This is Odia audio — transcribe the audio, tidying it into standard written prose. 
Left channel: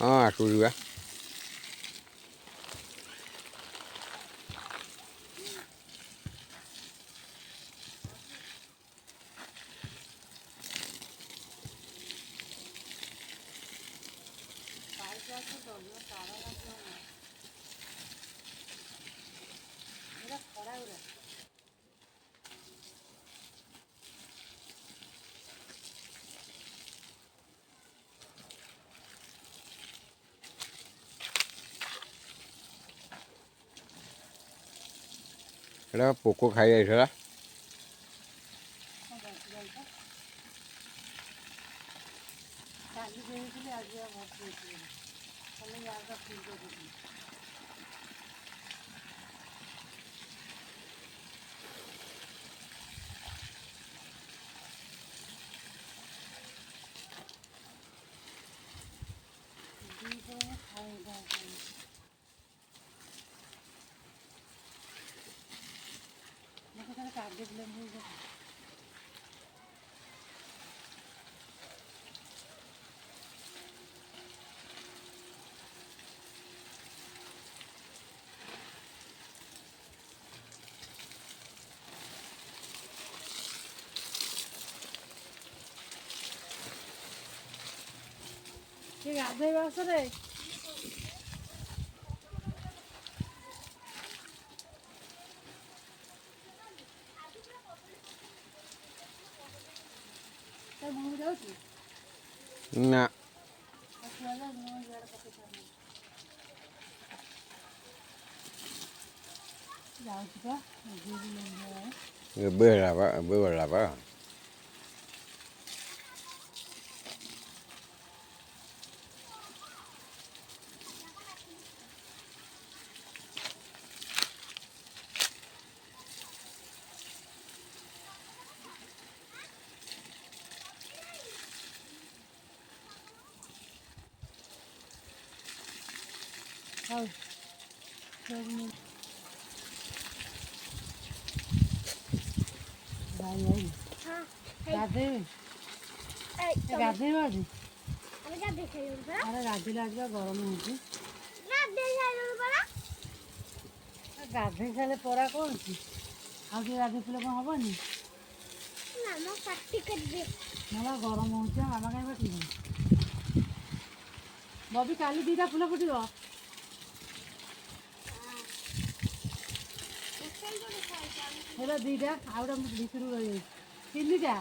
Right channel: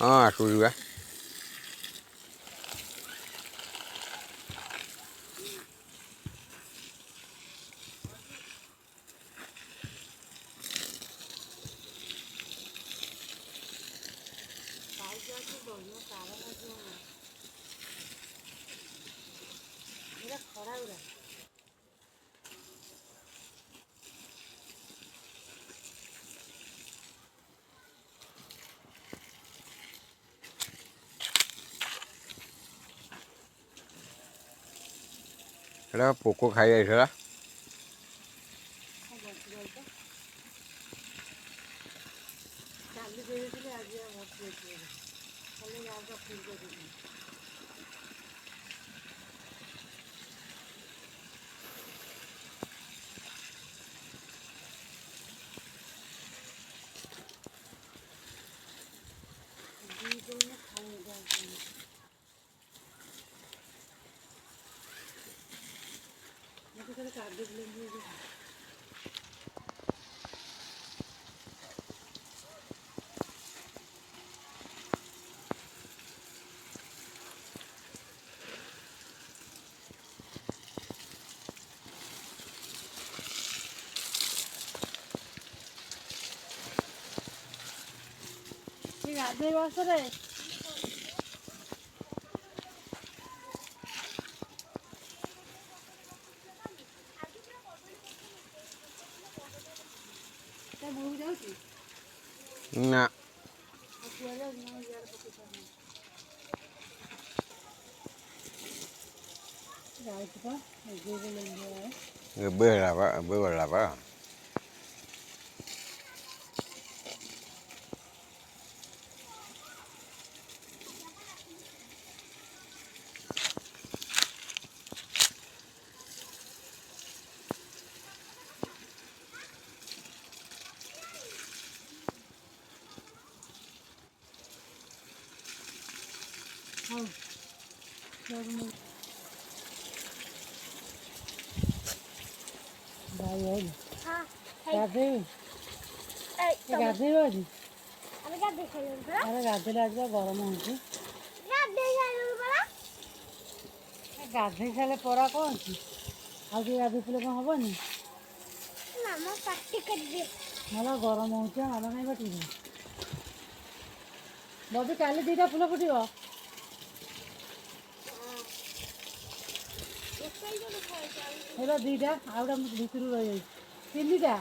ହଁ ଆସୁଛି ବା। ଏଇଟା ପୋକ ଖାଇ ଯାଇଥିଲା। ଗାଧୋଇବା ଆସରେ ନା ଏବେ ହେଲା ବା ଏବେ ଗଲା ବା। ଗାଧୋଇବ ଆଜି ଗାଧୋଇଲେ ଆଜି ବା ଗରମ ହଉଛି। ଗାଧୋଇ ସାରିଲେ ପରା କ'ଣ ଅଛି ଆଉ ଟିକେ ଗାଧୋଇଥିଲେ କ'ଣ ହବନି? ଭଲ ଗରମ ହଉଛି ମାମା କାହିଁ ବାଟିବି ବବି କାଲି 2ଟା ଫୁଲ ଫୁଟିବ। ହେଲା 2ଟା ଆଉଟା ଭିତରୁ ରହିଯାଇଛି 3ଟା।